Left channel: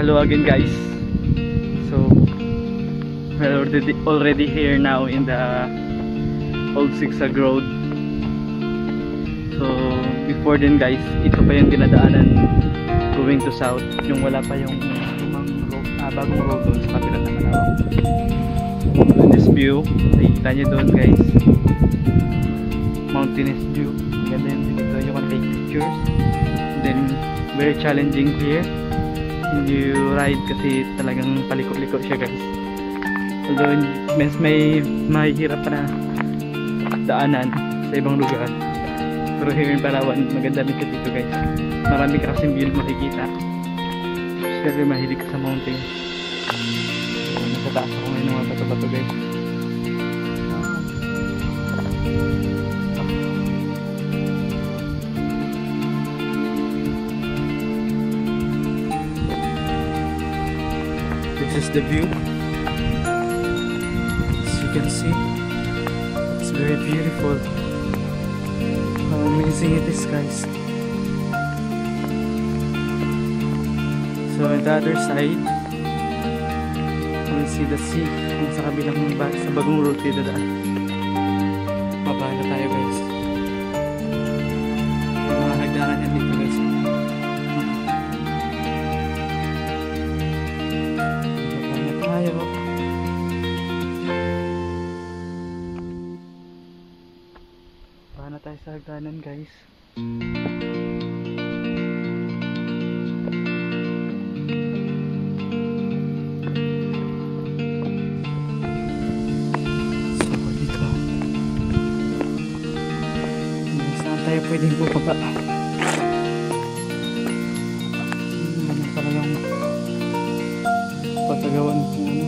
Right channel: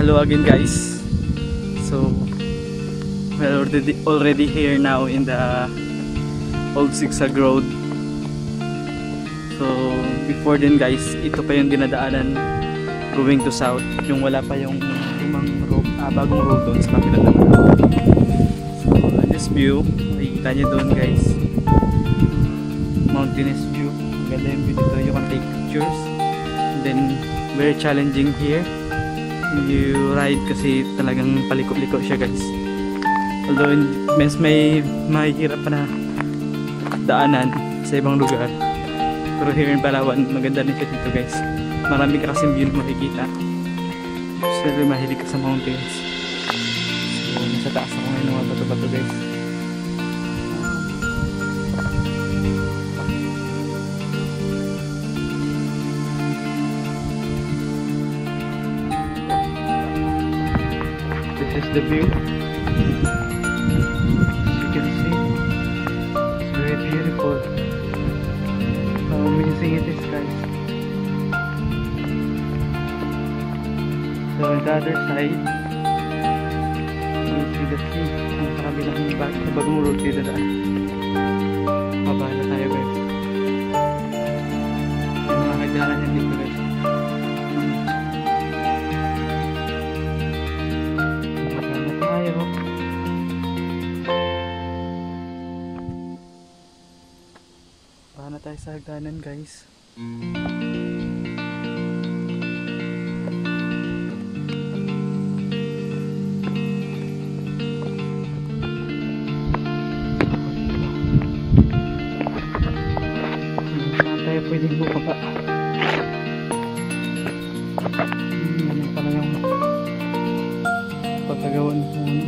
Hello again, guys. So we're already here now in the Old Zigzag Road. So before then, guys, ito pa yung dinadaanan going to south, yung wala pa yung bagong road doon sa kabilang naman. So this view, nakikita nyo doon, guys, mountainous view. Ang ganda yung view dito, you can take pictures. And then very challenging here when you ride kasi talagang paliko-liko siya, guys. Although mas may mahihirap pa na daanan sa ibang lugar, pero here in Palawan maganda rin siya dito, guys. Marami ka kasing view makikita. Siyempre mahilig ka sa mountains. So nasa taas ako ngayon ng mga bato-bato, guys. This is the view. As you can see, it's very beautiful. How amazing it is, guys. So on the other side, you see the sea. Kung sa kabilang sa bagong road kayo dadaan. Baba na tayo, guys. Yung mga hagdanan yan dito, guys. Paano tayo sa hagdanan, guys? So dito, saan tayo pwedeng bumaba? Ganyan pala yung patagawan ko, ano.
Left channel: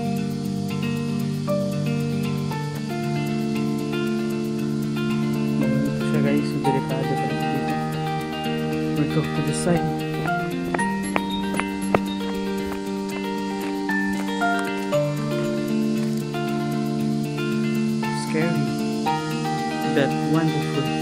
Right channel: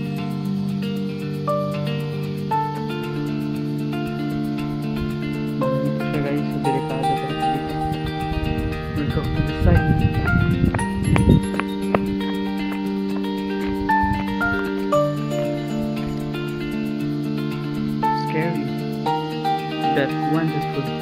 Ito siya, guys, so delikado tayo dito. We'll go to the side. Scary but wonderful.